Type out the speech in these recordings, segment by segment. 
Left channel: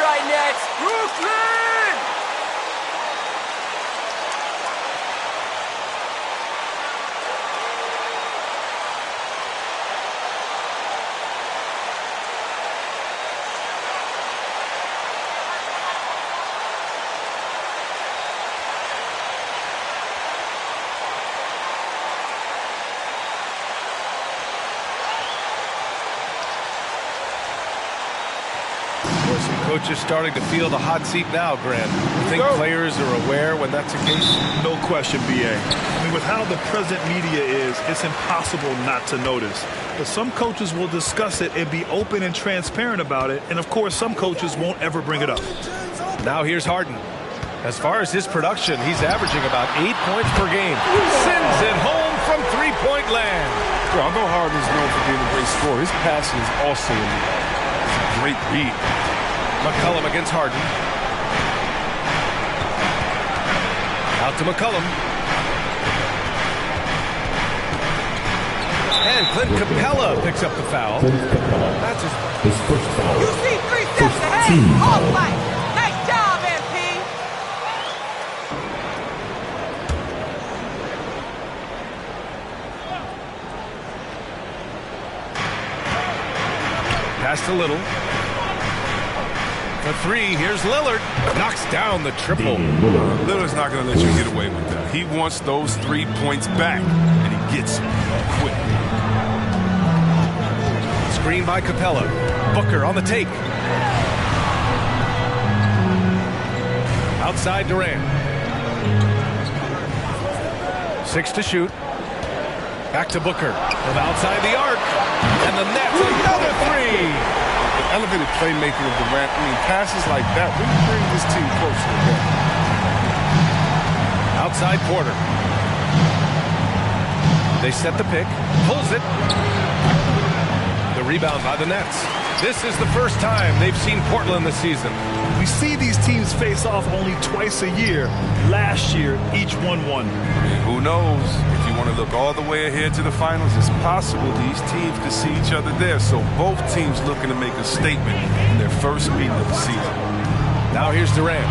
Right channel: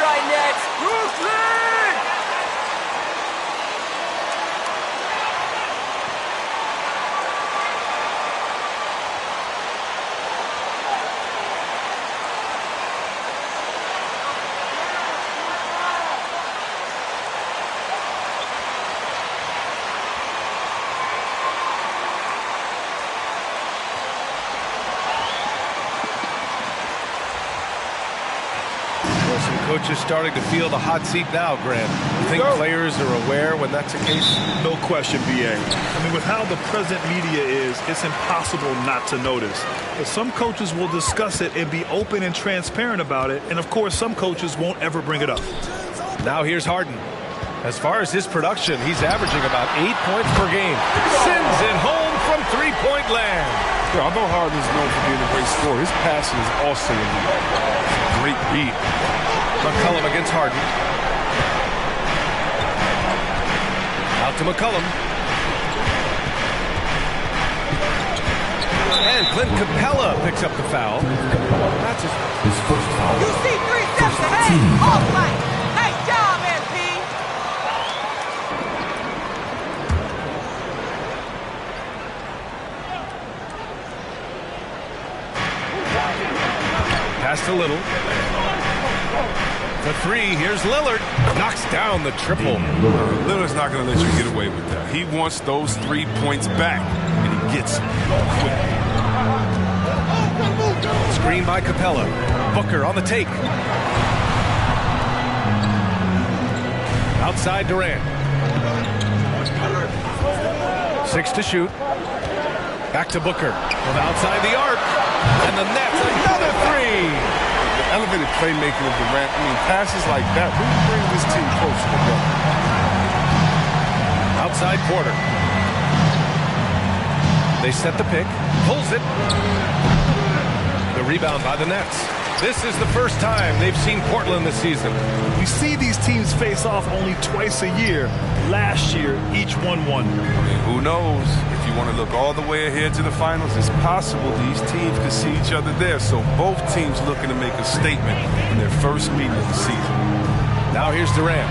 right, Nets. Brooklyn! Some coaches starting to feel the hot seat now, Grant. You think players are aware when that's the case? No question, B.A. I mean, with how the present media is, it's impossible not to notice. But some coaches will discuss it and be open and transparent about it. And, of course, some coaches won't ever bring it up. Now here's Harden. As far as his production, he's averaging about 8 points per game. Sends it home from three-point land. Yeah, although Harden is known for being a great scorer, his passing is also elite. It's a great read. McCollum against Harden. Out to McCollum. And Clint Capella picks up the foul. That's his first foul. You see 3 steps ahead. Off light. Nice job, MP. Pass to Little. For three, here's Lillard. Knocks down the triple. Lillard's not going to let you get away with that. He wants those 3 points back, and he gets it quick. Screen by Capella. Booker on the take. Outside Durant. 6 to shoot. Back to Booker from outside the arc. And the Nets, another three. The elevated playmaking of Durant, I mean, passes like that really bring this team closer together. Outside Porter. They set the pick. Pulls it. The rebound by the Nets. This is the first time they've seen Portland this season. We see these teams face off only twice a year. Last year, each won one. I mean, who knows? If you want to look all the way ahead to the finals, it's possible these teams could see each other there. So both teams looking to make a statement in their first meeting of the season. Now here's Durant,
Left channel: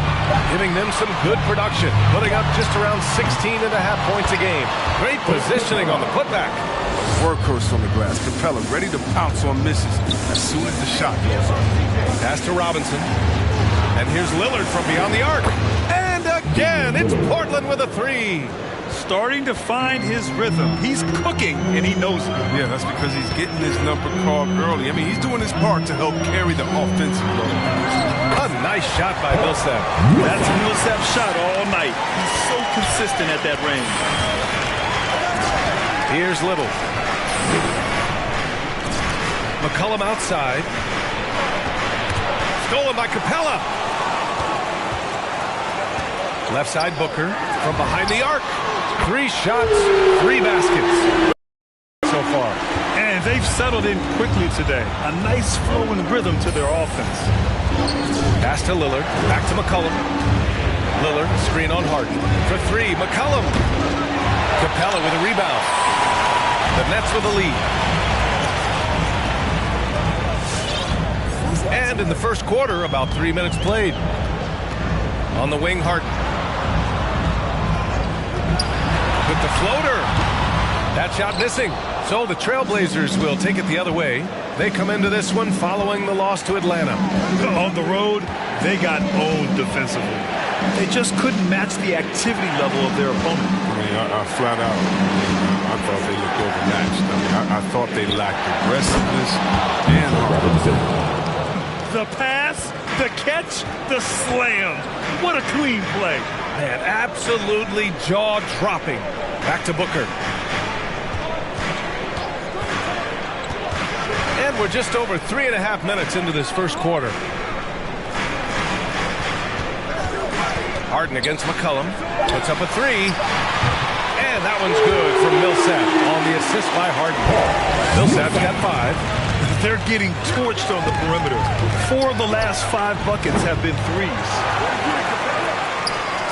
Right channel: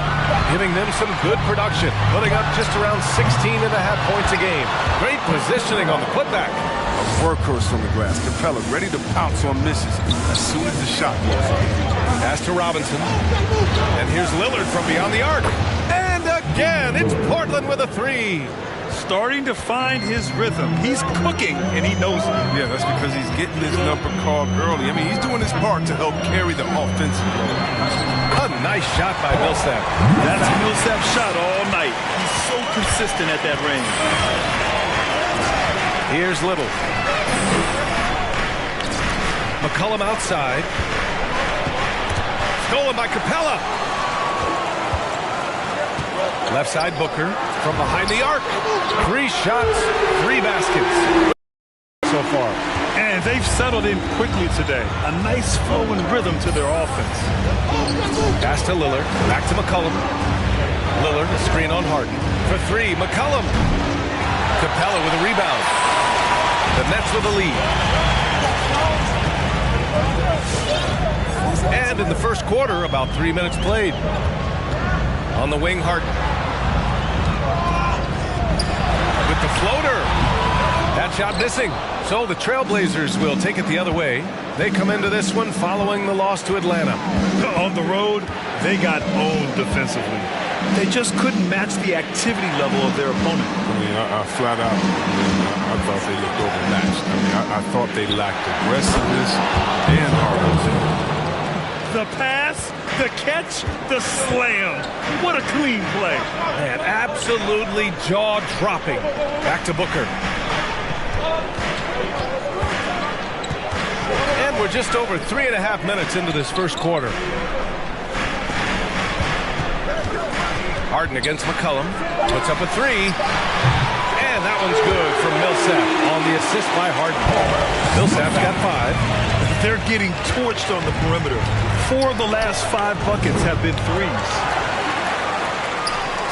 giving them some good production, putting up just around 16.5 points a game. Great positioning on the putback. A workhorse on the glass. Capella ready to pounce on misses as soon as the shot goes up. Pass to Robinson. And here's Lillard from beyond the arc. And again, it's Portland with a three. Starting to find his rhythm. He's cooking, and he knows it. Yeah, that's because he's getting his number called early. I mean, he's doing his part to help carry the offensive load. A nice shot by Millsap. That's Millsap's shot all night. He's so consistent at that range. Here's Little. McCollum outside. Stolen by Capella. Left side Booker from behind the arc. 3 shots, 3 baskets so far. And they've settled in quickly today. A nice flow and rhythm to their offense. Pass to Lillard. Back to McCollum. Lillard, a screen on Harden. For 3, McCollum. Capella with a rebound. The Nets with a lead. And in the first quarter, about 3 minutes played. On the wing, Harden. With the floater. That shot missing. So the Trailblazers will take it the other way. They come into this one following the loss to Atlanta. On the road, they got owned defensively. They just couldn't match the activity level of their opponent. I mean, I flat out, I thought they looked overmatched. I mean, I thought they lacked aggressiveness and hard defense. The pass, the catch, the slam. What a clean play. Man, absolutely jaw-dropping. Back to Booker. And we're just over 3.5 minutes into this first quarter. Harden against McCollum. Puts up a 3. And that one's good from Millsap on the assist by Harden. Millsap's got 5. They're getting torched on the perimeter. 4 of the last 5 buckets have been threes.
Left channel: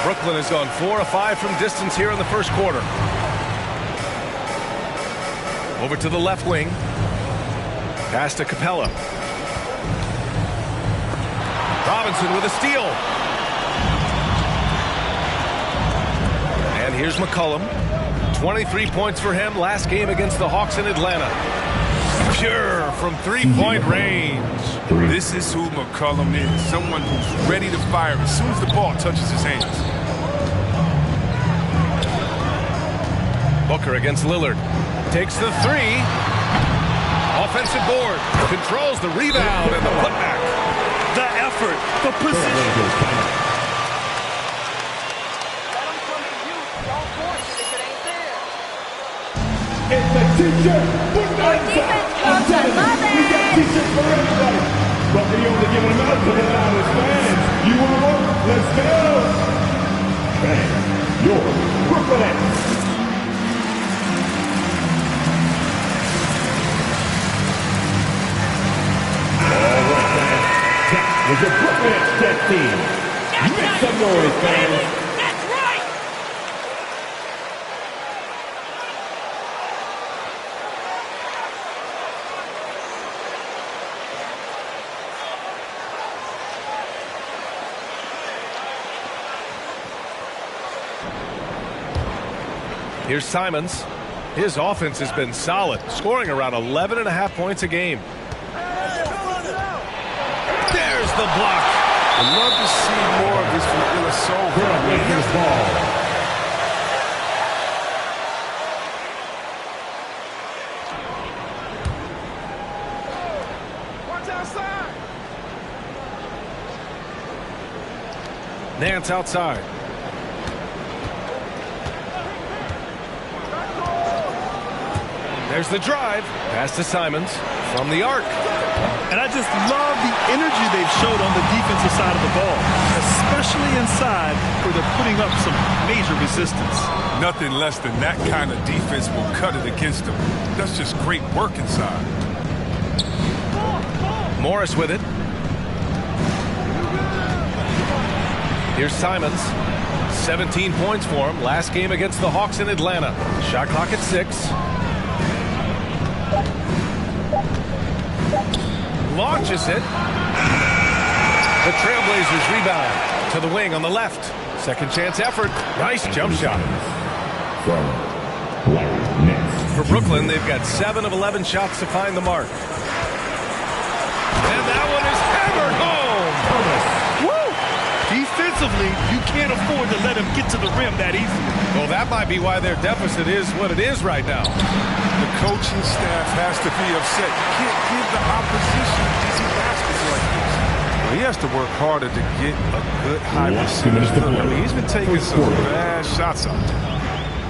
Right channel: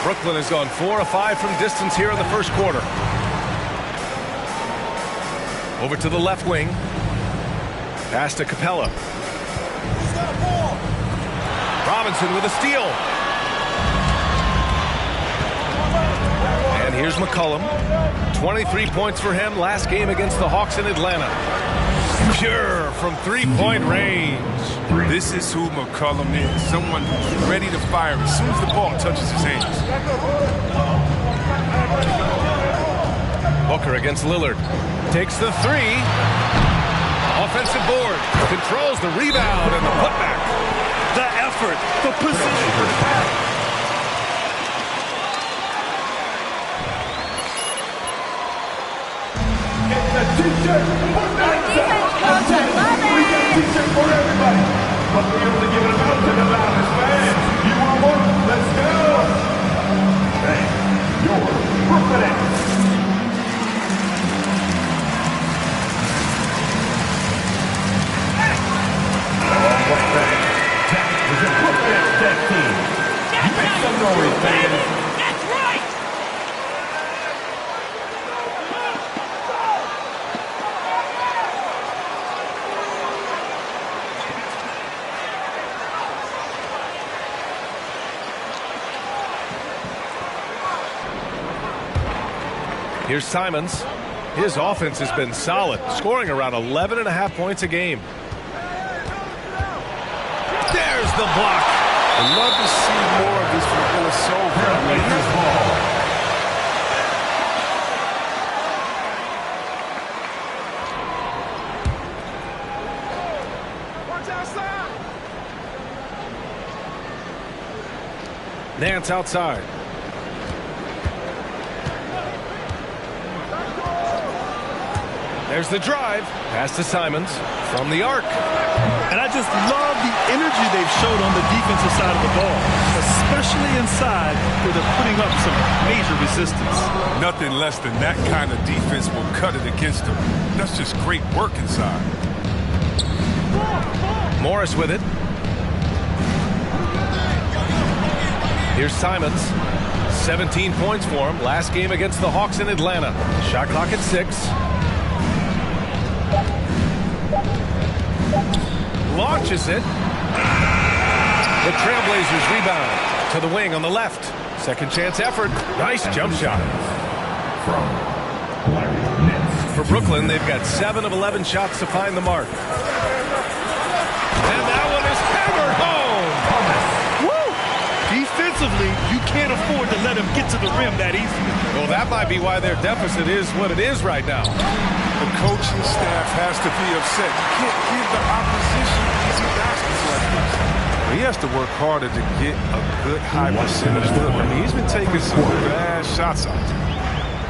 Brooklyn has gone 4 of 5 from distance here in the first quarter. Over to the left wing. Pass to Capella. Robinson with a steal. And here's McCollum. 23 points for him last game against the Hawks in Atlanta. Pure from three-point range. This is who McCollum is. Someone who's ready to fire as soon as the ball touches his hands. Booker against Lillard. Takes the three. Offensive board. Controls the rebound and the putback. The effort, the position. It's a t-shirt for defense, coach, I love it. We got t-shirts for everybody. But they only giving them out to the loudest fans. You want one? Let's go. Bang. Your Brooklyn Nets. All right, fans. That was your Brooklyn Nets team. Make some noise, fans. That's right! Here's Simons. His offense has been solid, scoring around 11.5 points a game. There's the block. I'd love to see more of this from Ilyasova. Lakers ball. Nance outside. There's the drive. Pass to Simons from the arc. And I just love the energy they've showed on the defensive side of the ball, especially inside where they're putting up some major resistance. Nothing less than that kind of defense will cut it against them. That's just great work inside. Morris with it. Here's Simons. 17 points for him last game against the Hawks in Atlanta. Shot clock at 6. Launches it. The Trailblazers rebound to the wing on the left. Second chance effort. Nice jump shot. From Larry Nance. For Brooklyn, they've got 7 of 11 shots to find the mark. And that one is hammered home. Woo! Defensively, you can't afford to let him get to the rim that easily. Well, that might be why their deficit is what it is right now. The coaching staff has to be upset. You can't give the opposition easy baskets like this. Well, he has to work harder to get a good high percentage look. I mean, he's been taking some bad shots out there.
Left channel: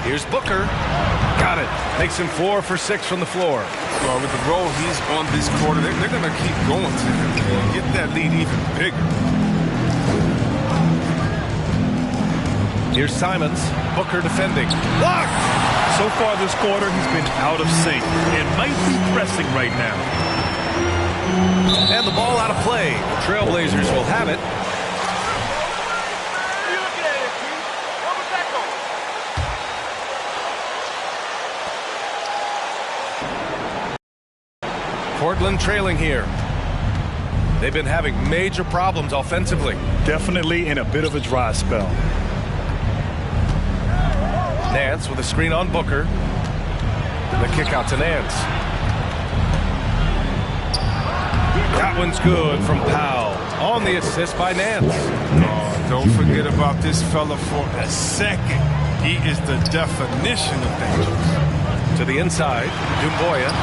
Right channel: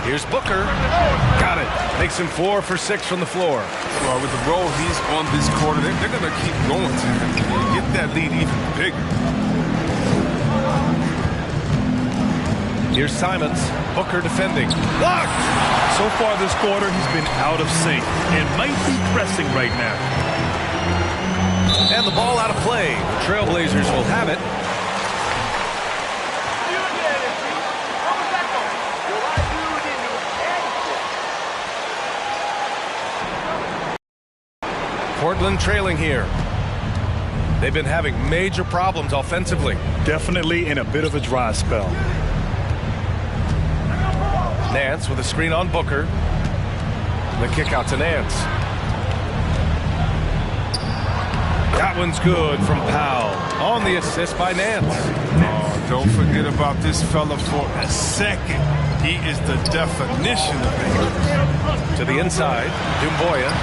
Here's Booker. Got it. Makes him 4 for 6 from the floor. Well, with the role he's on this quarter, they're going to keep going to him and get that lead even bigger. Here's Simons. Booker defending. Blocked! So far this quarter, he's been out of sync and might be pressing right now. And the ball out of play. The Trailblazers will have it. Portland trailing here. They've been having major problems offensively. Definitely in a bit of a dry spell. Nance with a screen on Booker. The kick out to Nance. That one's good from Powell. On the assist by Nance. Oh, don't forget about this fella for a second. He is the definition of dangerous. To the inside, Doumbouya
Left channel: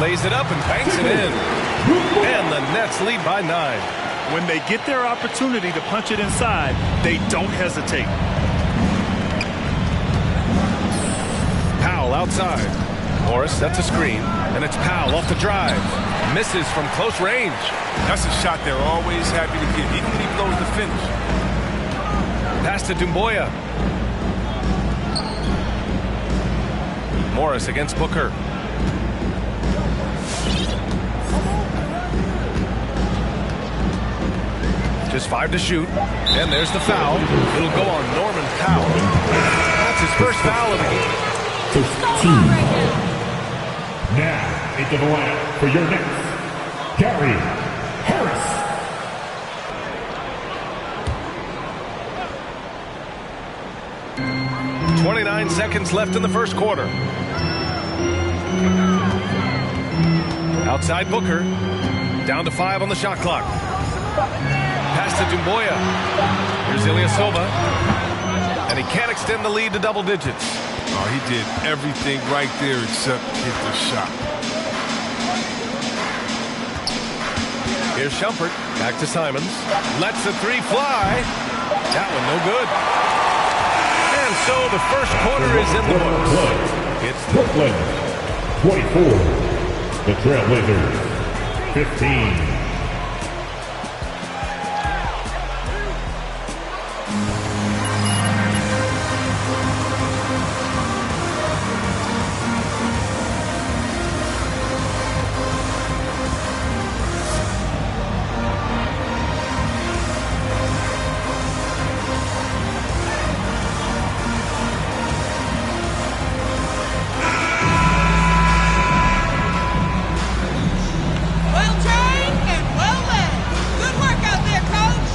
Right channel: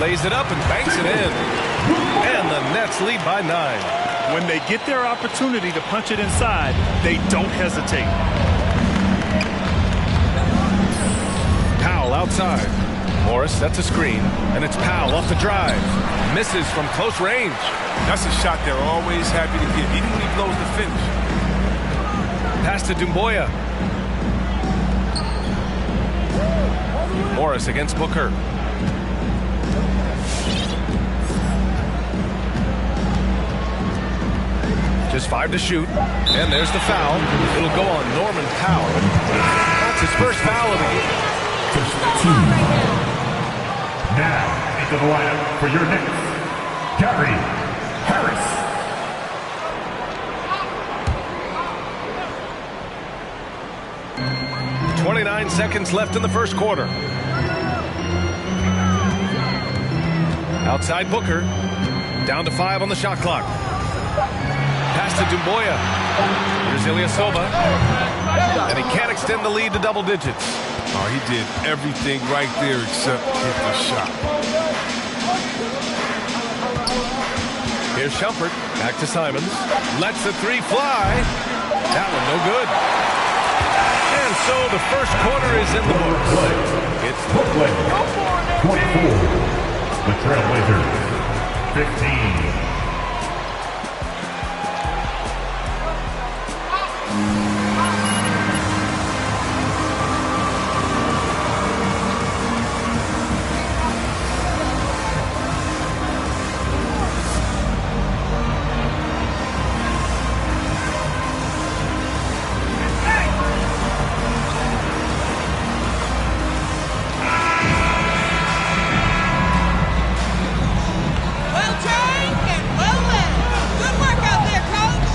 lays it up and banks it in. And the Nets lead by 9. When they get their opportunity to punch it inside, they don't hesitate. Powell outside. Morris sets a screen, and it's Powell off the drive. Misses from close range. That's a shot they're always happy to get, even when he blows the finish. Pass to Doumbouya. Morris against Booker. Just 5 to shoot. And there's the foul. It'll go on Norman Powell. That's his first foul of the game. Now into the lineup for your Nets, Gary Harris. 29 seconds left in the first quarter. Outside Booker. Down to 5 on the shot clock. Pass to Doumbouya. Here's Ilyasova. And he can't extend the lead to double digits. Oh, he did everything right there except hit the shot. Here's Shumpert. Back to Simons. Lets the three fly. That one no good. And so the first quarter is in the books. It's Brooklyn 24. The Trailblazers 15. Well trained and well led. Good work out there, coach.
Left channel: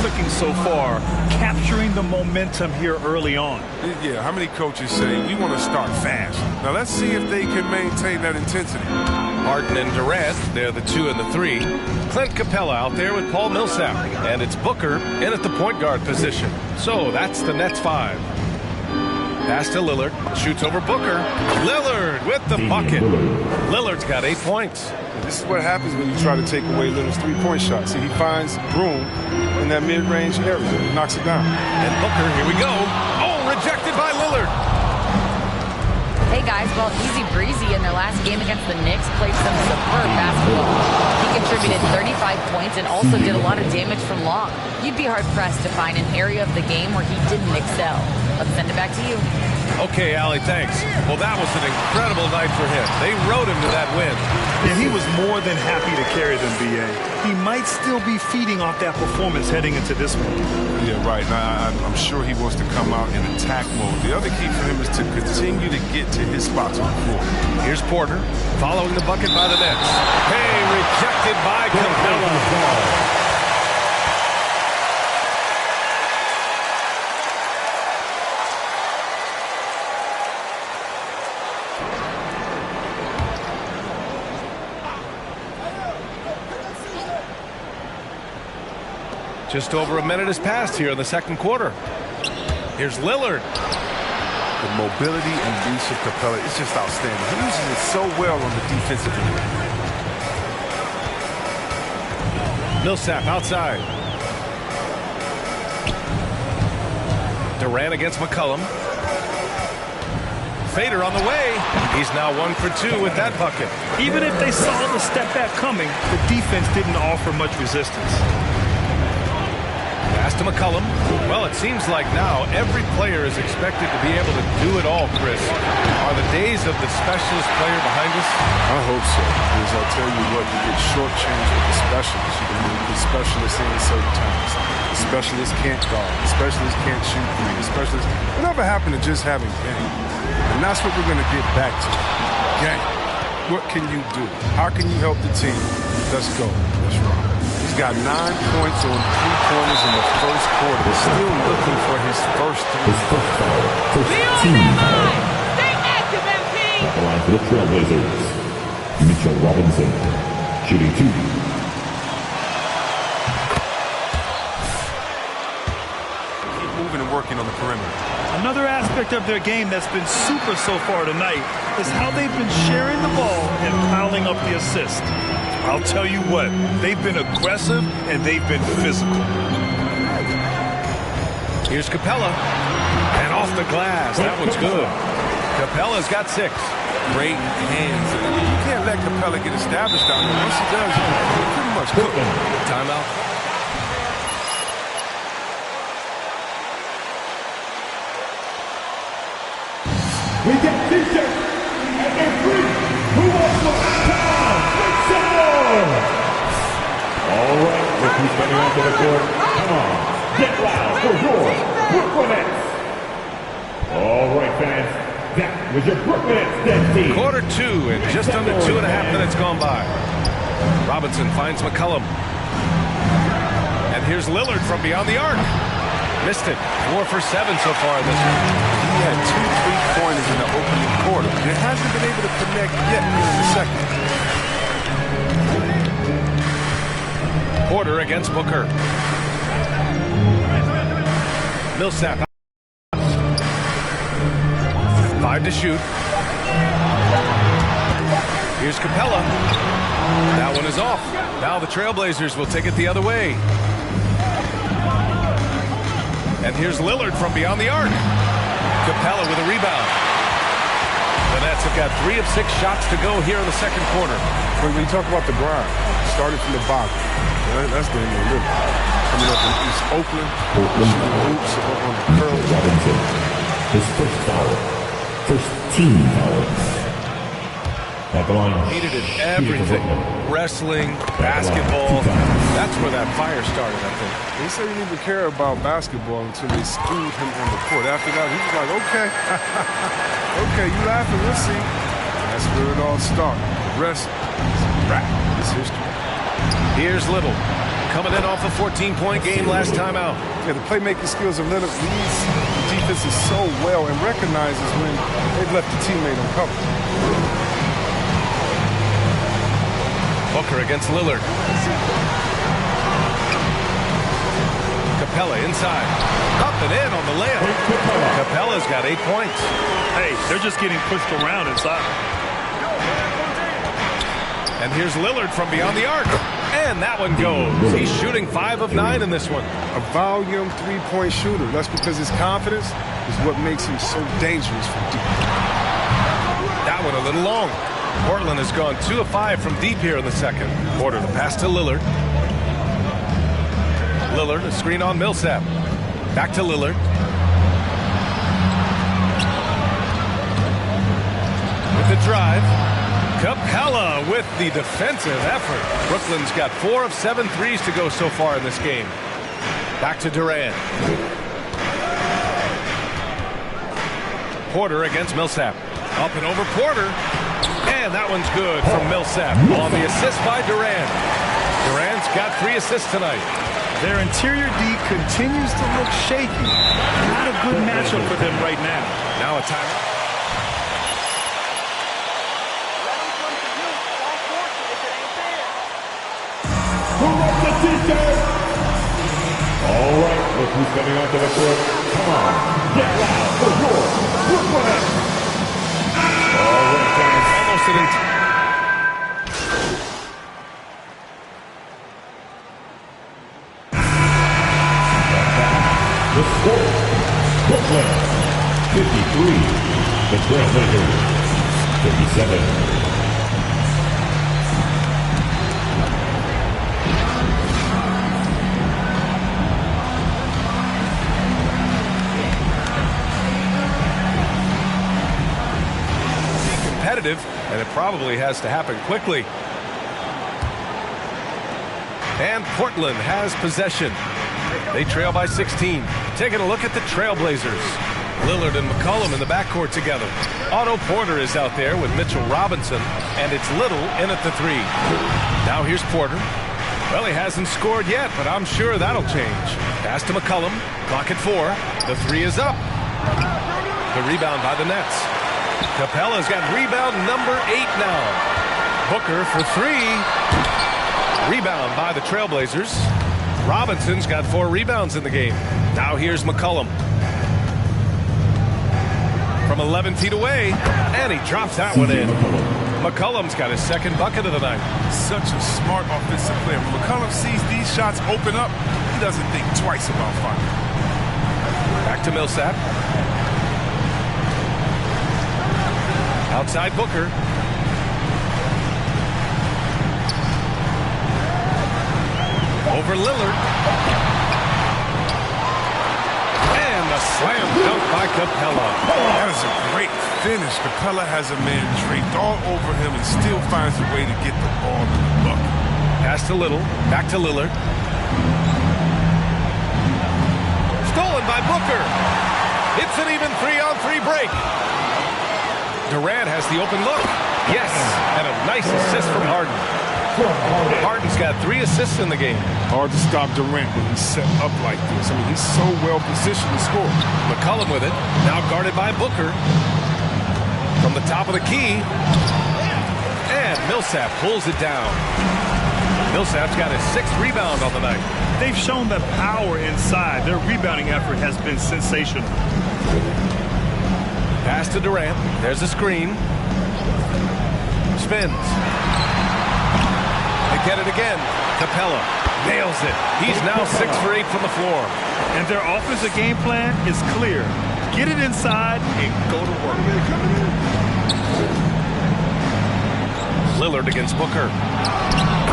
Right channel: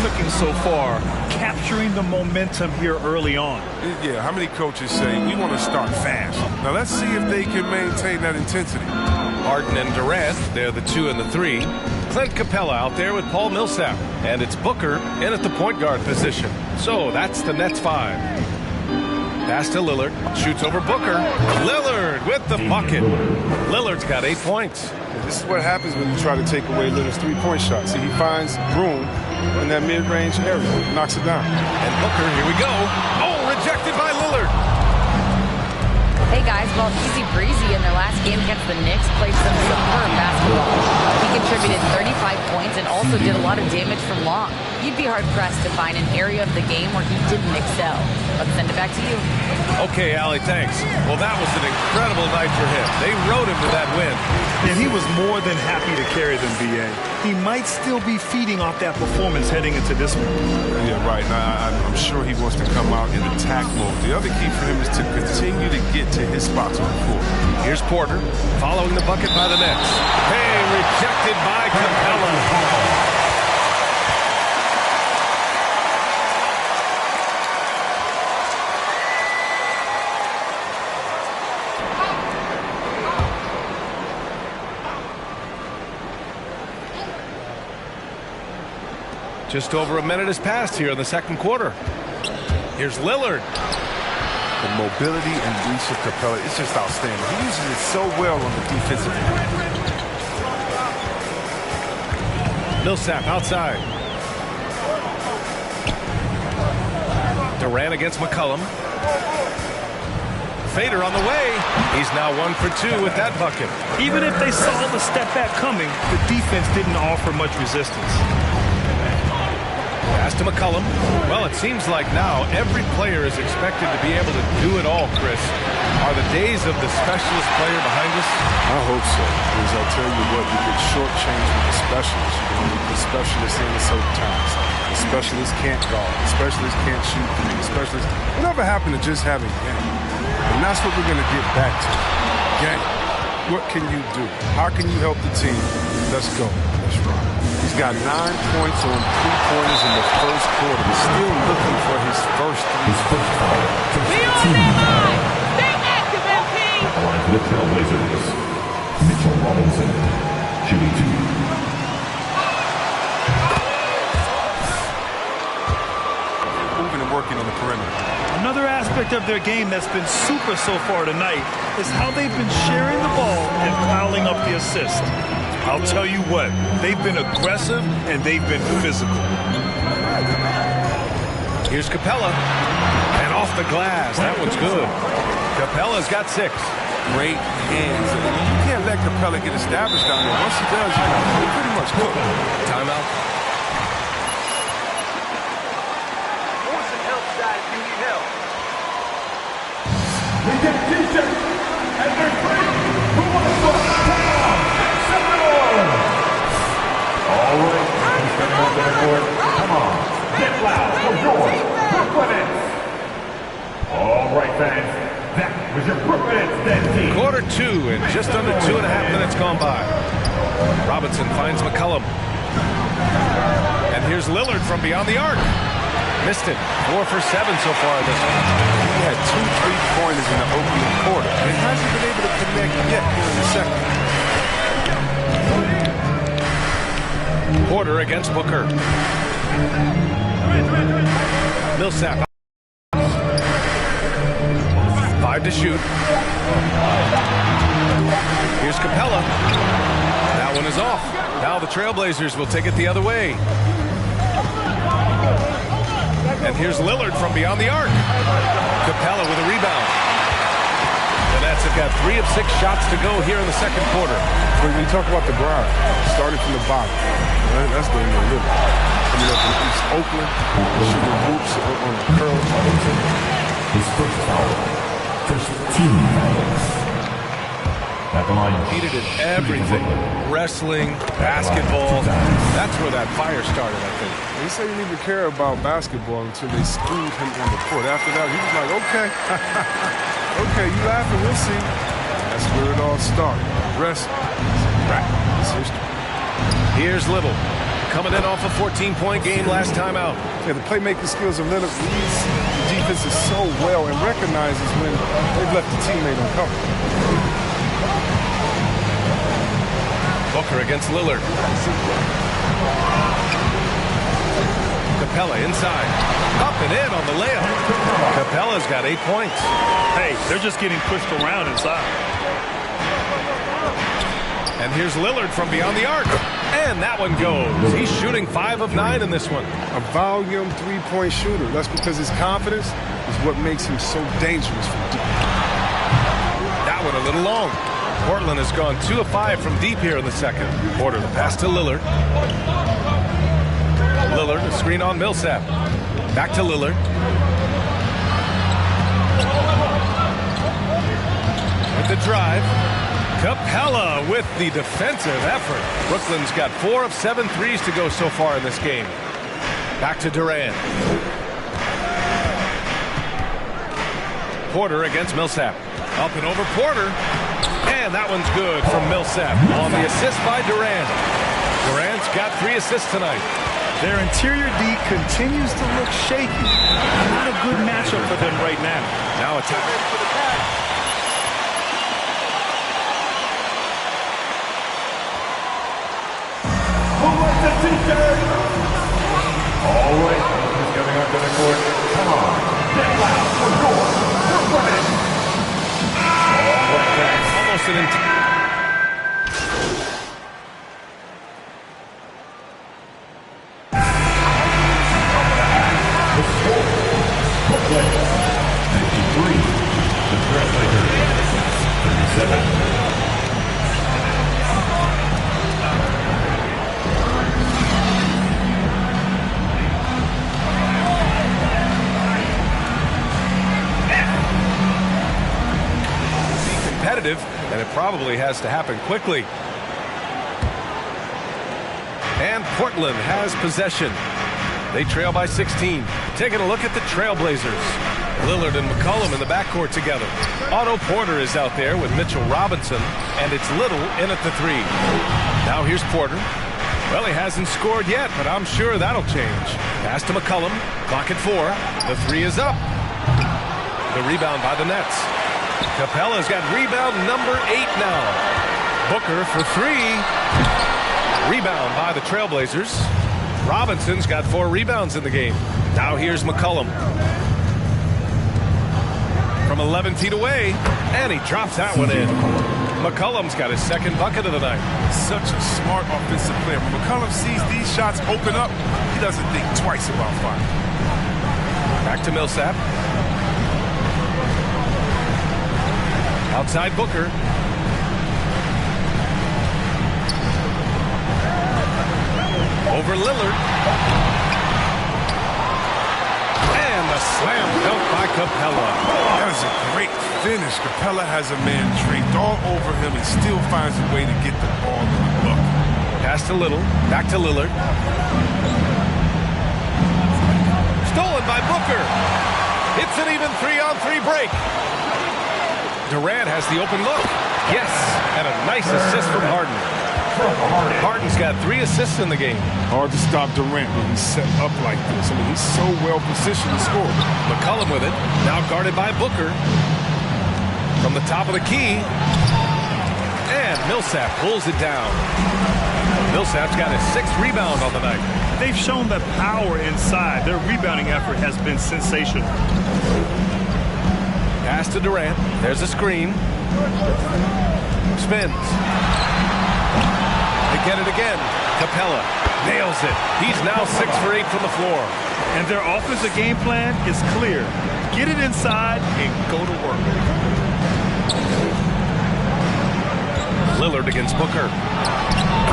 Clicking so far, capturing the momentum here early on. Yeah, how many coaches say we want to start fast? Now let's see if they can maintain that intensity. Harden and Durant, they're the 2 and the 3. Clint Capella out there with Paul Millsap. And it's Booker in at the point guard position. So that's the Nets 5. Pass to Lillard. Shoots over Booker. Lillard with the bucket. Lillard's got 8 points. This is what happens when you try to take away Lillard's three-point shot. See, he finds room in that mid-range area, knocks it down. And Booker, here we go. Oh, rejected by Lillard. Hey guys, well, easy breezy in their last game against the Knicks played some superb basketball. He contributed 35 points and also did a lot of damage from long. You'd be hard-pressed to find an area of the game where he didn't excel. Let's send it back to you. Okay, Allie, thanks. Well, that was an incredible night for him. They rode him to that win. And he was more than happy to carry them, B.A. He might still be feeding off that performance heading into this one. Yeah, right. Now, I'm sure he wants to come out in attack mode. The other key for him is to continue to get to his spots on the floor. Here's Porter, following the bucket by the Nets. Hey, rejected by Capella. Just over a minute has passed here in the second quarter. Here's Lillard. The mobility and reach of Capella is just outstanding. He uses it so well on the defensive end. Millsap outside. Durant against McCollum. Fader on the way. He's now 1 for 2 with that bucket. Even if they saw the step back coming, the defense didn't offer much resistance. Pass to McCollum. Well, it seems like now every player is expected to be able to do it all, Chris. Are the days of the specialist player behind us? I hope so, because I'll tell you what, you get shortchanged with the specialists. You can only put specialists in at certain times. The specialists can't guard. The specialists can't shoot three. The specialists, whatever happened to just having game? And that's what we're going to get back to. Game. What can you do? How can you help the team? Let's go. Let's rock. He's got 9 points on 3-pointers in the first quarter. He's still looking for his first three. His first foul. First Be on team their foul. mind. Stay active, MP. At the line for the Trailblazers, Mitchell Robinson, shooting 2. Keep moving and working on the perimeter. Another aspect of their game that's been super so far tonight is how they've been sharing the ball and piling up the assists. I'll tell you what, they've been aggressive and they've been physical. Here's Capella. And off the glass. That one's good. Capella's got 6. Great hands. You can't let Capella get established down there. Once he does, you're pretty much cooked. Timeout. We get t-shirts, and they're free. Who wants one? Come on, make some noise. All right, let's keep spinning out there court. Come on, get loud for your Brooklyn Nets. All right, fans, that was your Brooklyn Nets dead team. Quarter 2 and just under 2.5 minutes gone by. Robinson finds McCollum. And here's Lillard from beyond the arc. Missed it. 4 for 7 so far in this one. He had 2 3-pointers in the opening quarter, and hasn't been able to connect yet here in the second. Porter against Booker. Millsap. 5 to shoot. Here's Capella. That one is off. Now the Trailblazers will take it the other way. And here's Lillard from beyond the arc. Capella with a rebound. The Nets have got 3 of 6 shots to go here in the second quarter. When you talk about the grind, starting from the bottom, that's the end of the coming up in East Oakland, shooting hoops on the curl. Robinson, his first foul. First team foul. At the line. Needed in everything. Wrestling, basketball. That's where that fire started, I think. He said he didn't even care about basketball until they schooled him on the court. After that, he was like, okay. Okay, you laughing, we'll see. And that's where it all started. The rest is a wrap. It's history. Here's Little. Coming in off a 14-point game last time out. Yeah, the playmaking skills of Leonard reads the defenses so well and recognizes when they've left the teammate uncovered. Booker against Lillard. Capella inside. Up and in on the layup. Capella's got 8 points. Hey, they're just getting pushed around inside. And here's Lillard from beyond the arc. And that one goes. He's shooting 5 of 9 in this one. A volume 3-point shooter. That's because his confidence is what makes him so dangerous from deep. That one a little long. Portland has gone 2 of 5 from deep here in the second. Porter, the pass to Lillard. Lillard, a screen on Millsap. Back to Lillard. With the drive. Capella with the defensive effort. Brooklyn's got 4 of 7 threes to go so far in this game. Back to Durant. Porter against Millsap. Up and over Porter. And that one's good from Millsap on the assist by Durant. Durant's got 3 assists tonight. Their interior D continues to look shaky. Not a good matchup for them right now. Now a time. Who wants the t-shirt? All right, look who's coming onto the court. Come on, get loud for score. Brooklyn. All right, fans. Almost an The score, Brooklyn 53, the Trailblazers 37. competitive, and it probably has to happen quickly. And Portland has possession. They trail by 16. Taking a look at the Trailblazers. Lillard and McCollum in the backcourt together. Otto Porter is out there with Mitchell Robinson, and it's Little in at the 3. Now here's Porter. Well, he hasn't scored yet, but I'm sure that'll change. Pass to McCollum. Clock at 4. The 3 is up. The rebound by the Nets. Capella's got rebound number 8 now. Booker for 3. Rebound by the Trailblazers. Robinson's got 4 rebounds in the game. Now here's McCollum. From 11 feet away, and he drops that one in. McCollum's got his second bucket of the night. Such a smart offensive player. When McCollum sees these shots open up, he doesn't think twice about firing. Back to Millsap. Outside Booker. Over Lillard. And the slam dunk by Capella. That is a great finish. Capella has a man draped all over him and still finds a way to get the ball in the bucket. Pass to Little. Back to Lillard. Stolen by Booker. It's an even 3-on-3 break. Durant has the open look. Yes, and a nice assist from Harden. from Harden. Harden's got 3 assists in the game. Hard to stop Durant when he's set up like this. I mean, he's so well positioned to score. McCollum with it. Now guarded by Booker. From the top of the key. And Millsap pulls it down. Millsap's got his 6th rebound on the night. They've shown the power inside. Their rebounding effort has been sensational. Pass to Durant. There's a screen. Spins. They get it again. Capella nails it. He's now 6 for 8 from the floor. And their offensive game plan is clear. Get it inside and go to work. Lillard against Booker.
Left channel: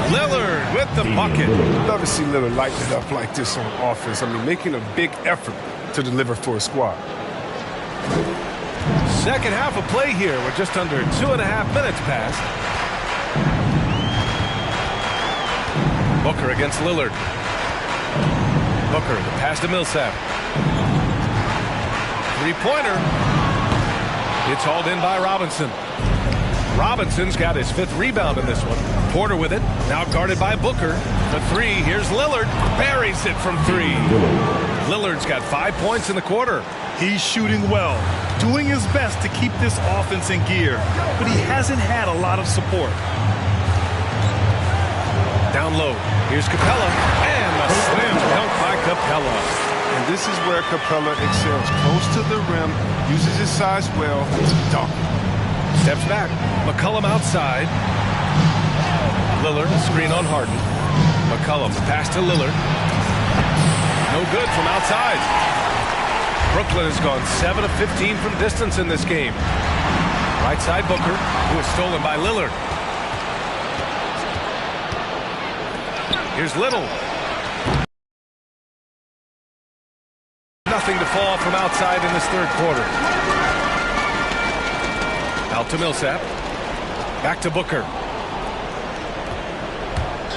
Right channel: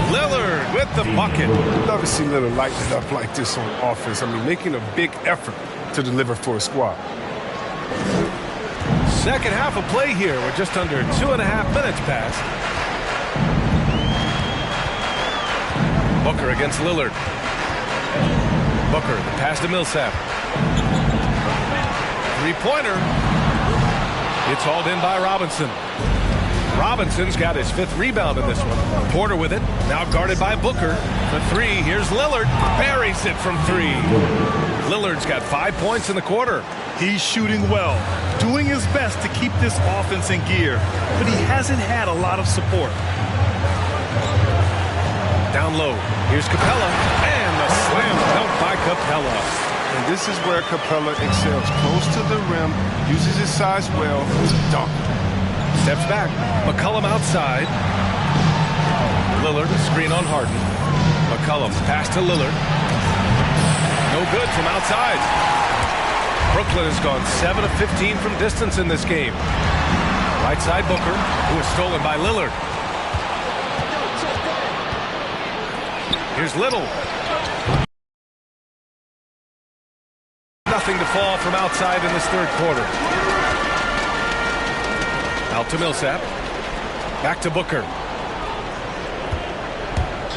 Lillard with the bucket. Love to see Lillard light it up like this on offense. I mean, making a big effort to deliver for a squad. Second half of play here. We're just under 2.5 minutes past. Booker against Lillard. Booker, the pass to Millsap. 3-pointer. It's hauled in by Robinson. Robinson's got his 5th rebound in this one. Porter with it. Now guarded by Booker. For 3, here's Lillard. Buries it from 3. Lillard's got 5 points in the quarter. He's shooting well, doing his best to keep this offense in gear, but he hasn't had a lot of support. Down low. Here's Capella. And the slam dunk by Capella. And this is where Capella excels. Close to the rim, uses his size well to dunk. Steps back. McCollum outside. Lillard, a screen on Harden. McCollum, the pass to Lillard. No good from outside. Brooklyn has gone 7 of 15 from distance in this game. Right side Booker, who is stolen by Lillard. Here's Little. Nothing to fall from outside in this 3rd quarter. Out to Millsap. Back to Booker.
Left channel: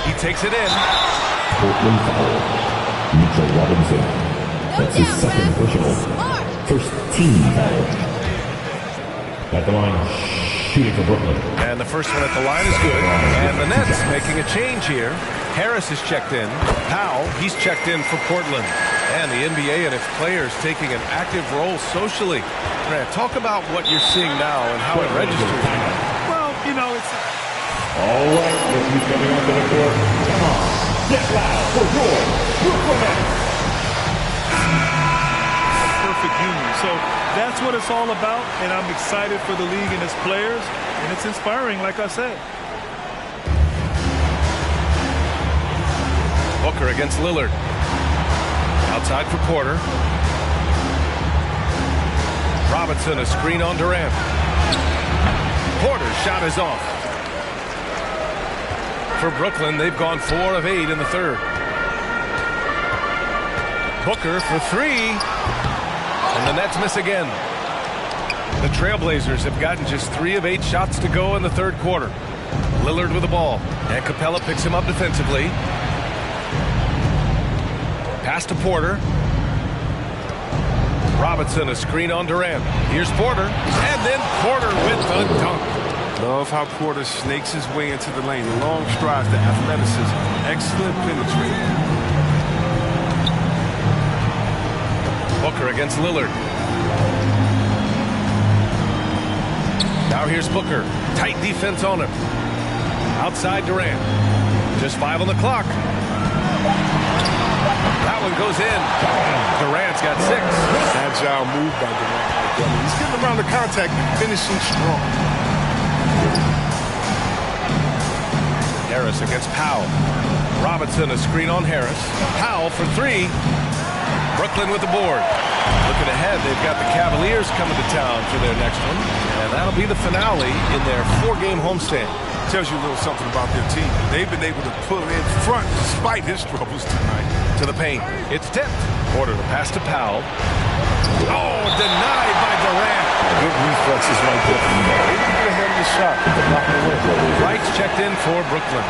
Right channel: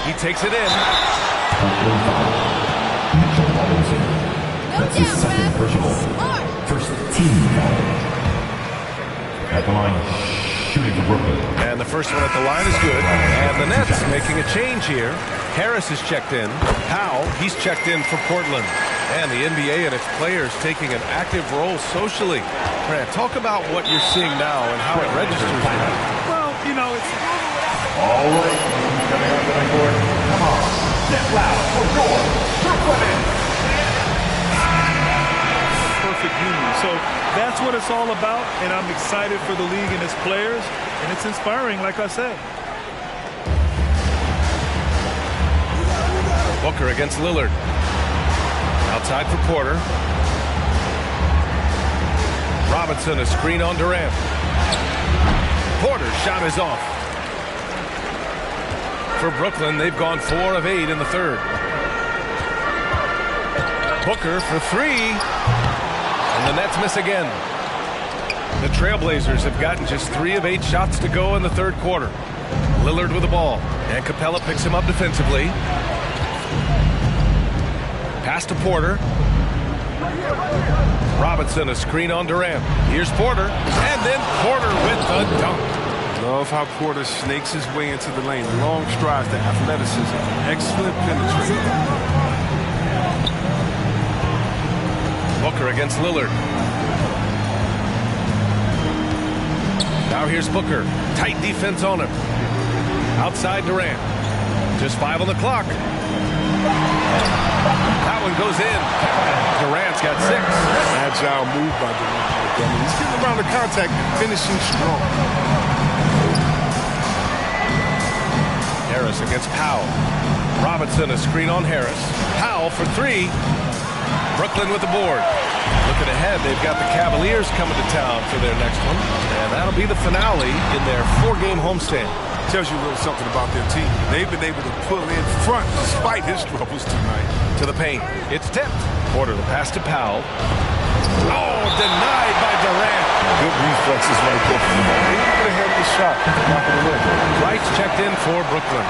He takes it in. Portland foul. Mitchell Robinson. That's his 2nd personal. First team foul. At the line, shooting for Brooklyn. And the first one at the line is good. And the Nets making a change here. Harris is checked in. Powell, he's checked in for Portland. And the NBA and its players taking an active role socially. Grant, talk about what you're seeing now and how it registers. Well, you know, it's... All right, look who's coming out to the court. Come on, get loud for your Brooklyn Nets. Perfect union. So that's what it's all about, and I'm excited for the league and its players, and it's inspiring, like I say. Booker against Lillard. Outside for Porter. Robinson, a screen on Durant. Porter's shot is off. For Brooklyn, they've gone 4 of 8 in the 3rd. Booker for 3. And the Nets miss again. The Trailblazers have gotten just 3 of 8 shots to go in the 3rd quarter. Lillard with the ball. And Capella picks him up defensively. Pass to Porter. Robinson, a screen on Durant. Here's Porter. And then Porter with the dunk. Love how Porter snakes his way into the lane. The long strides, the athleticism, excellent penetration. Booker against Lillard. Now here's Booker. Tight defense on him. Outside Durant. Just 5 on the clock. That one goes in. Durant's got 6. Agile move by Durant. I mean, he's getting around the contact and finishing strong. Harris against Powell. Robinson, a screen on Harris. Powell for 3. Brooklyn with the board. Looking ahead, they've got the Cavaliers coming to town for their next one. And that'll be the finale in their 4-game homestand. Tells you a little something about their team. They've been able to pull in front despite his troubles tonight. To the paint. It's tipped. Porter, the pass to Powell. Oh, denied by Durant. Good reflexes right there from the ball. Able to get ahead of the shot. Knock it away. Wright's checked in for Brooklyn.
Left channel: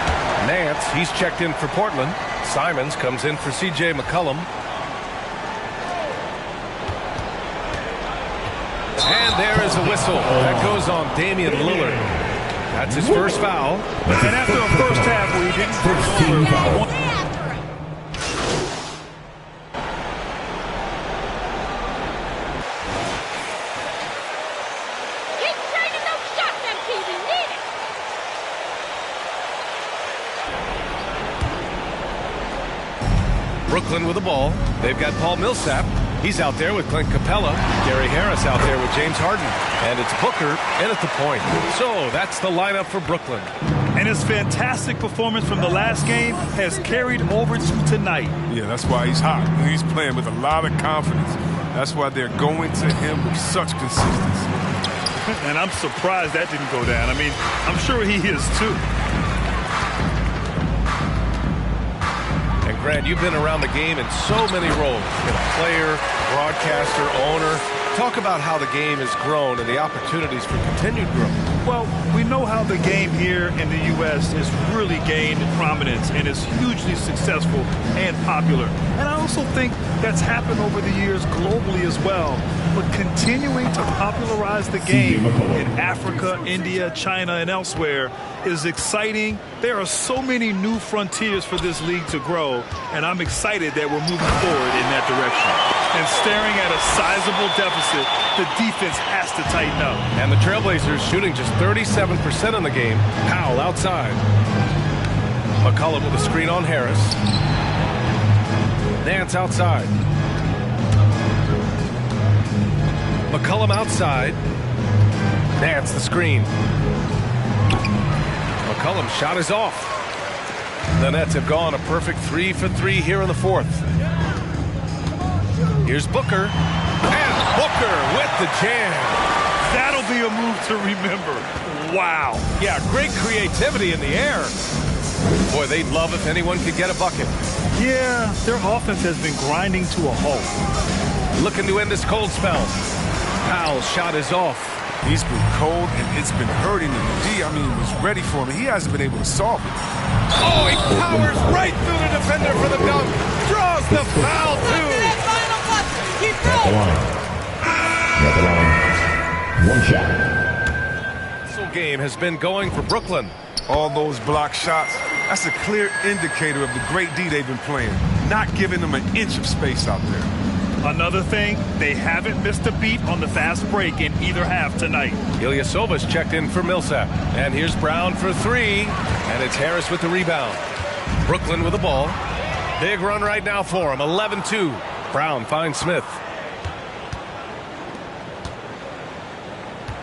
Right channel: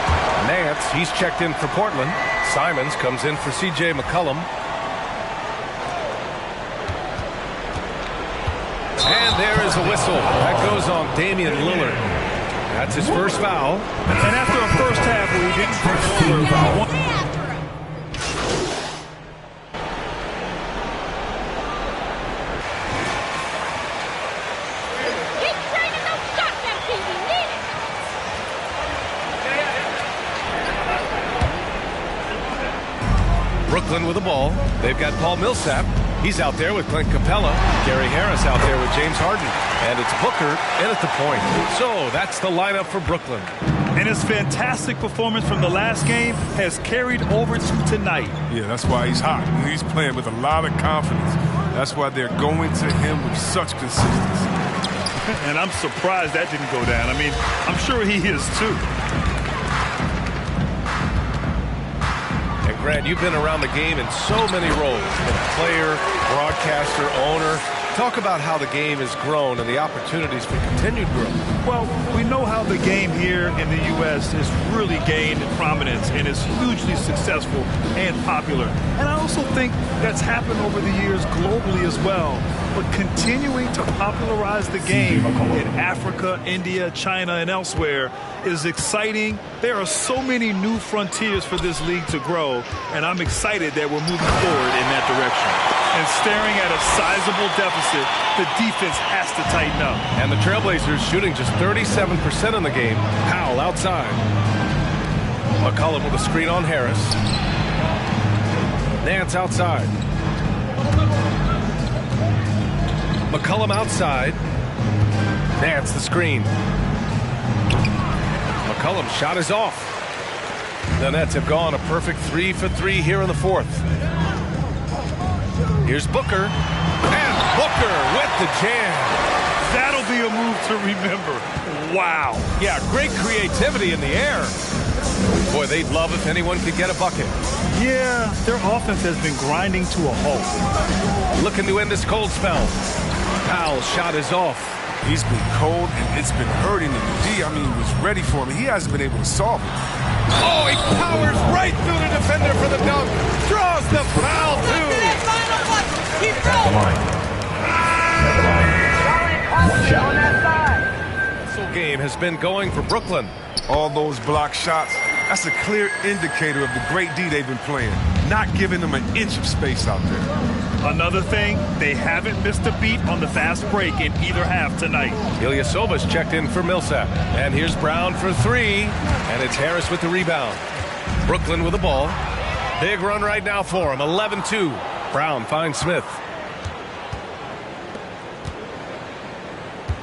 Nance, he's checked in for Portland. Simons comes in for C.J. McCollum. And there is a whistle. That goes on Damian Lillard. That's his first foul. And after a first half where he didn't turn over one. Keep training those shots, MP. We need it. Brooklyn with the ball. They've got Paul Millsap. He's out there with Clint Capella. Gary Harris out there with James Harden. And it's Booker in at the point. So that's the lineup for Brooklyn. And his fantastic performance from the last game has carried over to tonight. Yeah, that's why he's hot. He's playing with a lot of confidence. That's why they're going to him with such consistency. And I'm surprised that didn't go down. I mean, I'm sure he is too. And Grant, you've been around the game in so many roles. Been a player, broadcaster, owner. Talk about how the game has grown and the opportunities for continued growth. Well, we know how the game here in the U.S. has really gained prominence and is hugely successful and popular. And I also think that's happened over the years globally as well. But continuing to popularize the game in Africa, India, China, and elsewhere is exciting. There are so many new frontiers for this league to grow, and I'm excited that we're moving forward in that direction. And staring at a sizable deficit, the defense has to tighten up. And the Trailblazers shooting just 37% in the game. Powell outside. McCollum with a screen on Harris. Nance outside. McCollum outside. Nance the screen. McCollum's shot is off. The Nets have gone a perfect 3 for 3 here in the fourth. Here's Booker. And Booker with the jam. That'll be a move to remember. Wow. Yeah, great creativity in the air. Boy, they'd love if anyone could get a bucket. Yeah, their offense has been grinding to a halt. Looking to end this cold spell. Powell's shot is off. He's been cold, and it's been hurting him. D, was ready for him. He hasn't been able to solve it. Oh, he powers right through the defender for the dunk. Draws the foul, too. Keep At the line. At the line. One shot. This game has been going for Brooklyn. All those block shots, that's a clear indicator of the great D they've been playing. Not giving them an inch of space out there. Another thing, they haven't missed a beat on the fast break in either half tonight. Ilyasova's checked in for Millsap. And here's Brown for three. And it's Harris with the rebound. Brooklyn with the ball. Big run right now for him. 11-2. Brown finds Smith.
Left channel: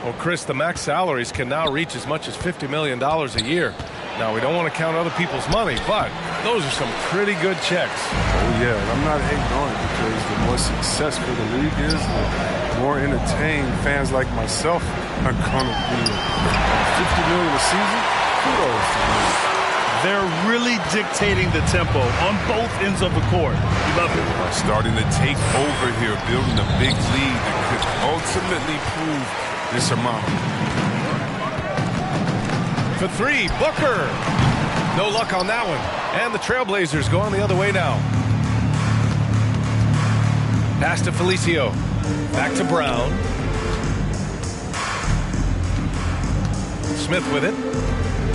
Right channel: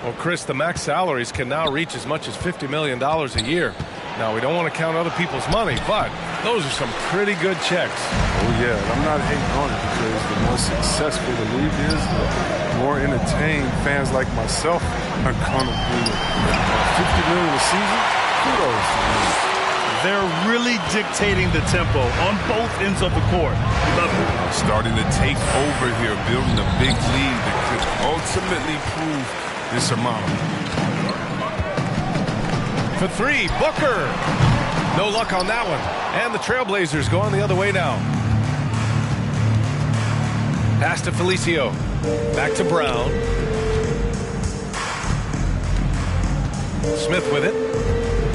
Well, Chris, the max salaries can now reach as much as $50 million a year. Now, we don't want to count other people's money, but those are some pretty good checks. Oh, yeah, and I'm not hating on it because the more successful the league is, the more entertained fans like myself are going to be. $50 million a season? Kudos to me. They're really dictating the tempo on both ends of the court. We love it. Starting to take over here, building a big lead that could ultimately prove insurmountable. For three, Booker. No luck on that one. And the Trailblazers going the other way now. Pass to Felicio. Back to Brown. Smith with it.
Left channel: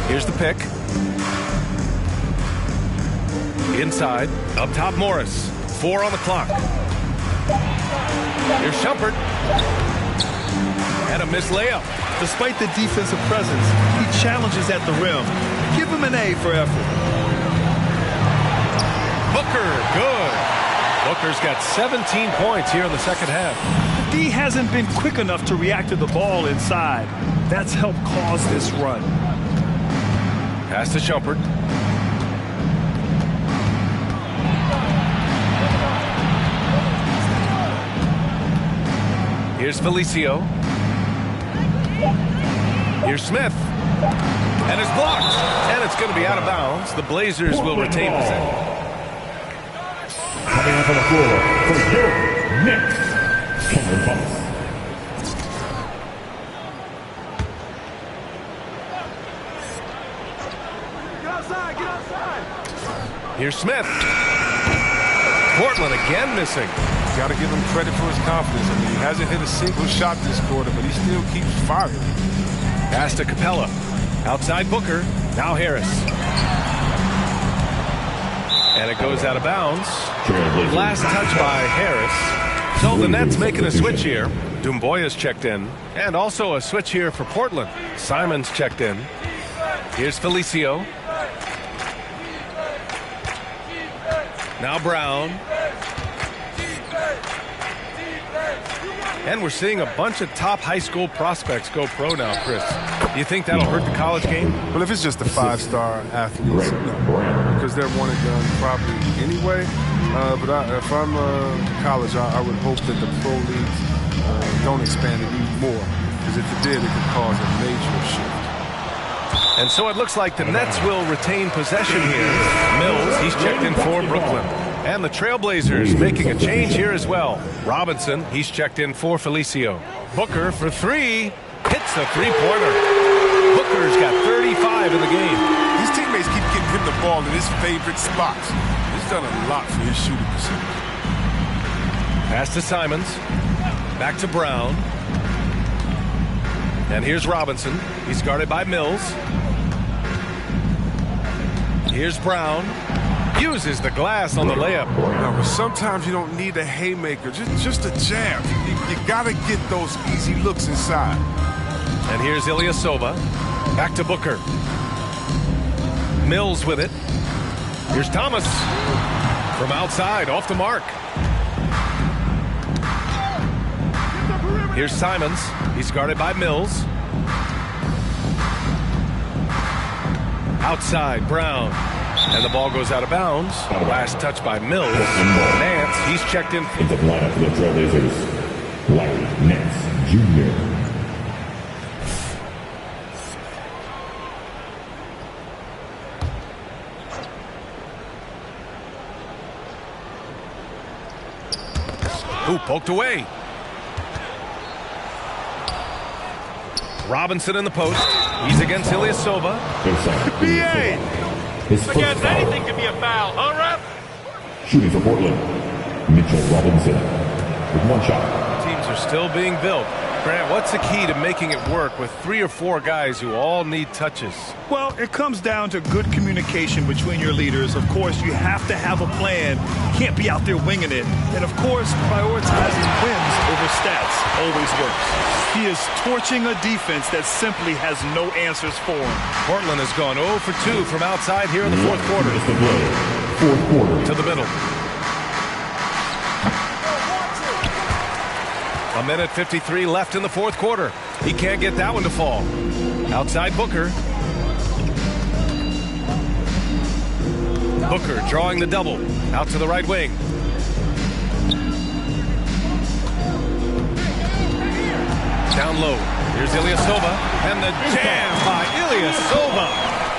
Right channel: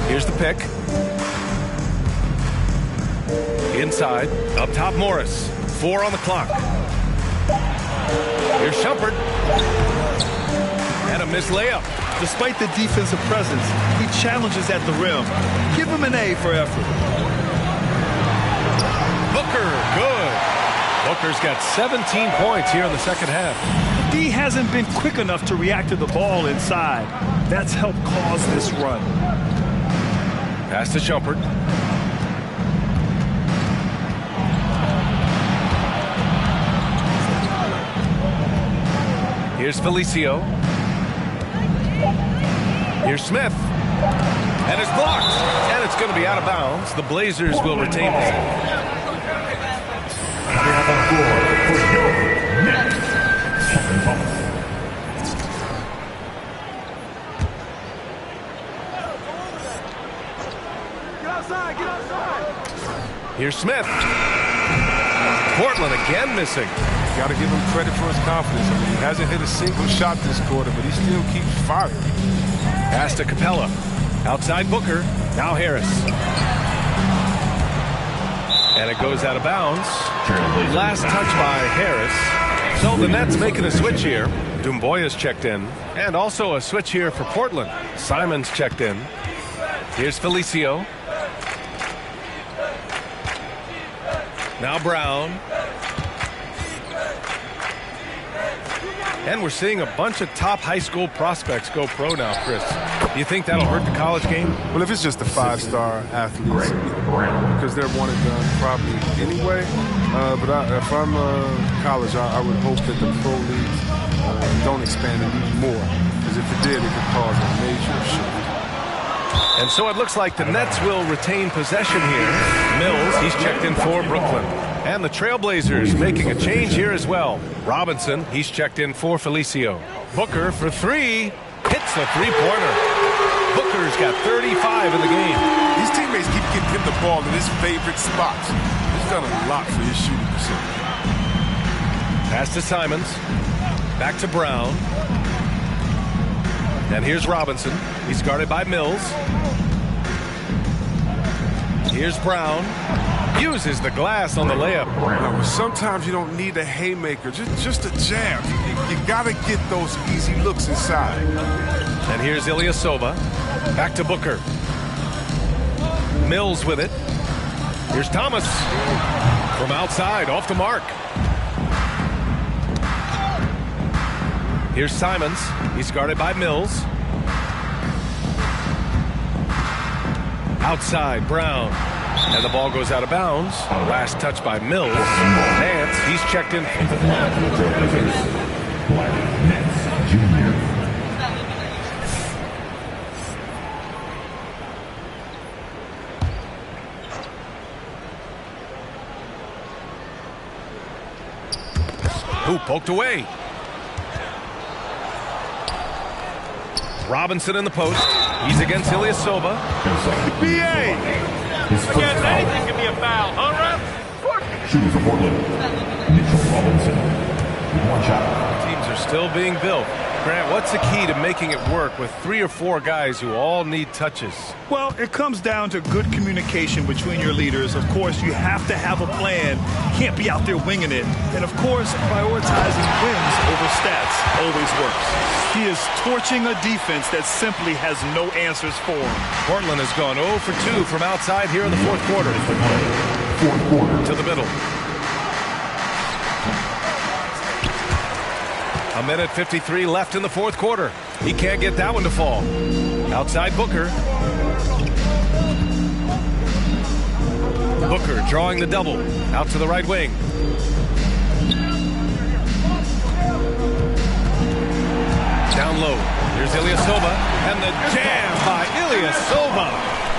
Here's the pick. Inside. Up top, Morris. 4 on the clock. Here's Shumpert. And a missed layup. Despite the defensive presence, he challenges at the rim. Give him an A for effort. Booker, good. Booker's got 17 points here in the second half. The D hasn't been quick enough to react to the ball inside. That's helped cause this run. Pass to Shumpert. Here's Felicio. Here's Smith. And it's blocked. And it's going to be out of bounds. The Blazers will retain possession. Coming up on the floor for your Knicks, Cameron Thomas. Get outside, get outside. Here's Smith. Portland again missing. Got to give him credit for his confidence. He hasn't hit a single shot this quarter, but he still keeps firing. Pass to Capella. Outside Booker. Now Harris. And it goes out of bounds. Last touch by Harris. So the Nets making a switch here. Doumbouya's checked in. And also a switch here for Portland. Simons checked in. Here's Felicio. Now Brown. And we're seeing a bunch of top high school prospects go pro now, Chris. Do you think that'll hurt the college game? Well, if it's just the 5-star athletes, because they're one and done probably anyway. But if I'm college, I would hope that the pro leagues don't expand it even more. Because if it did, it could cause a major shift. And so it looks like the Nets will retain possession here. Mills, he's checked in for Brooklyn. And the Trailblazers making a change here as well. Robinson, he's checked in for Felicio. Booker for 3. Hits a three-pointer. Booker's got 35 in the game. His teammates keep getting him the ball in his favorite spots. He's done a lot for his shooting percentage. Pass to Simons. Back to Brown. And here's Robinson. He's guarded by Mills. Here's Brown. Uses the glass on the layup. No, but sometimes you don't need a haymaker, just a jab. You got to get those easy looks inside. And here's Ilyasova. Back to Booker. Mills with it. Here's Thomas. From outside, off the mark. Here's Simons. He's guarded by Mills. Outside, Brown. And the ball goes out of bounds. Last touch by Mills. Nance, he's checked in. Into the lineup for the Trailblazers, Larry Nance Jr. Who poked away? Robinson in the post. He's against Ilyasova. BA! His first Against foul. anything can be a foul, huh, ref? Shooting for Portland, Mitchell Robinson with 1 shot. Teams are still being built. Grant, what's the key to making it work with 3 or 4 guys who all need touches? Well, it comes down to good communication between your leaders. Of course, you have to have a plan. You can't be out there winging it. And, of course, prioritizing wins over stats always works. He is torching a defense that simply has no answers for him. Portland has gone 0 for 2 from outside here in the fourth quarter. Is the play. Fourth quarter. To the middle. 1:53 left in the fourth quarter. He can't get that one to fall. Outside Booker. Booker drawing the double. Out to the right wing. Down low. Here's Ilyasova. And the jam by Ilyasova.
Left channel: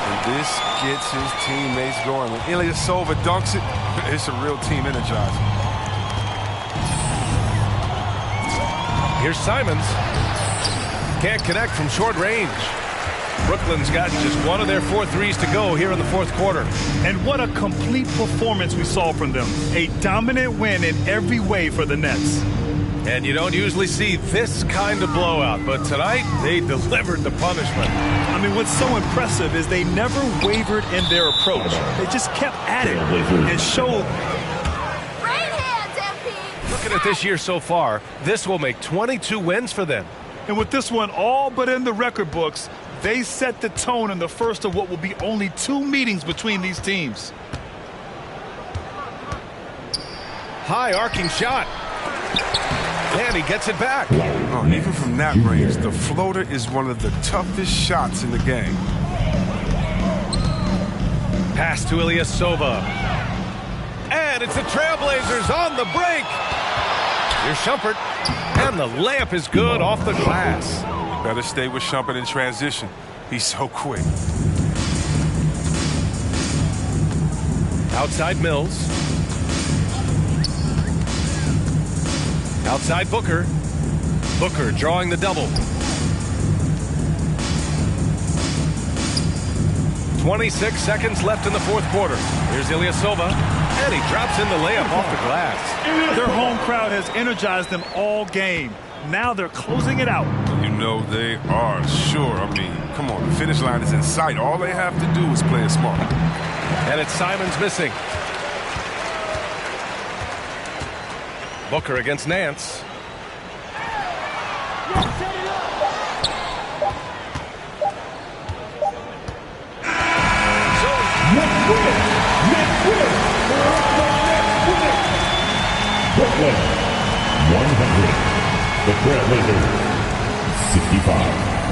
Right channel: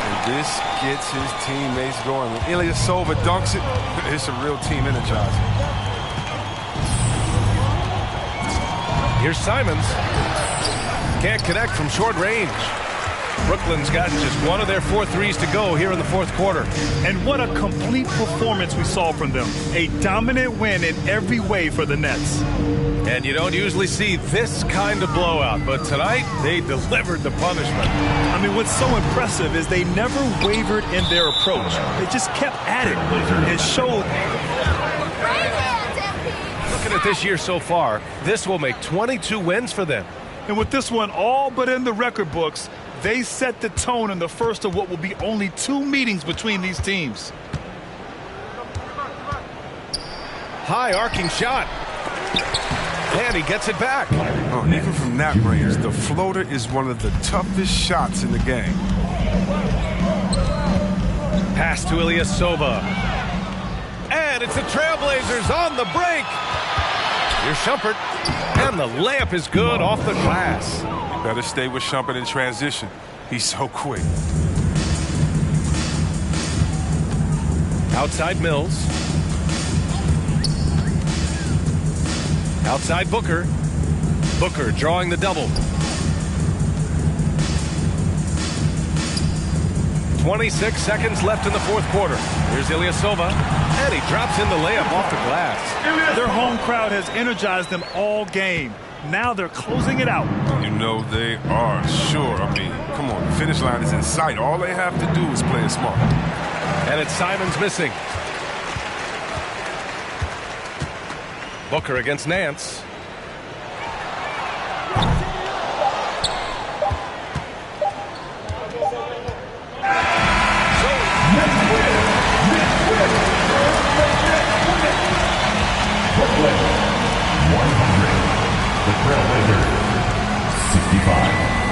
And this gets his teammates going. When Ilyasova dunks it, it's a real team energizer. Here's Simons. Can't connect from short range. Brooklyn's gotten just one of their 4 threes to go here in the fourth quarter. And what a complete performance we saw from them. A dominant win in every way for the Nets. And you don't usually see this kind of blowout, but tonight they delivered the punishment. I mean, what's so impressive is they never wavered in their approach. They just kept at it and showed. Looking at this year so far, this will make 22 wins for them. And with this one all but in the record books, they set the tone in the first of what will be only 2 meetings between these teams. High arcing shot. And he gets it back. Oh, even from that range, the floater is one of the toughest shots in the game. Pass to Ilyasova. And it's the Trailblazers on the break. Here's Shumpert. And the layup is good off the glass. Better stay with Shumpert in transition. He's so quick. Outside Mills. Outside Booker. Booker drawing the double. 26 seconds left in the fourth quarter. Here's Ilyasova. And he drops in the layup off the glass. Their home crowd has energized them all game. Now they're closing it out. You know they are, sure. I mean, come on, the finish line is in sight. All they have to do is play it smart. And it's Simons missing. Booker against Nance. Brooklyn, 100. The Trailblazers, 65.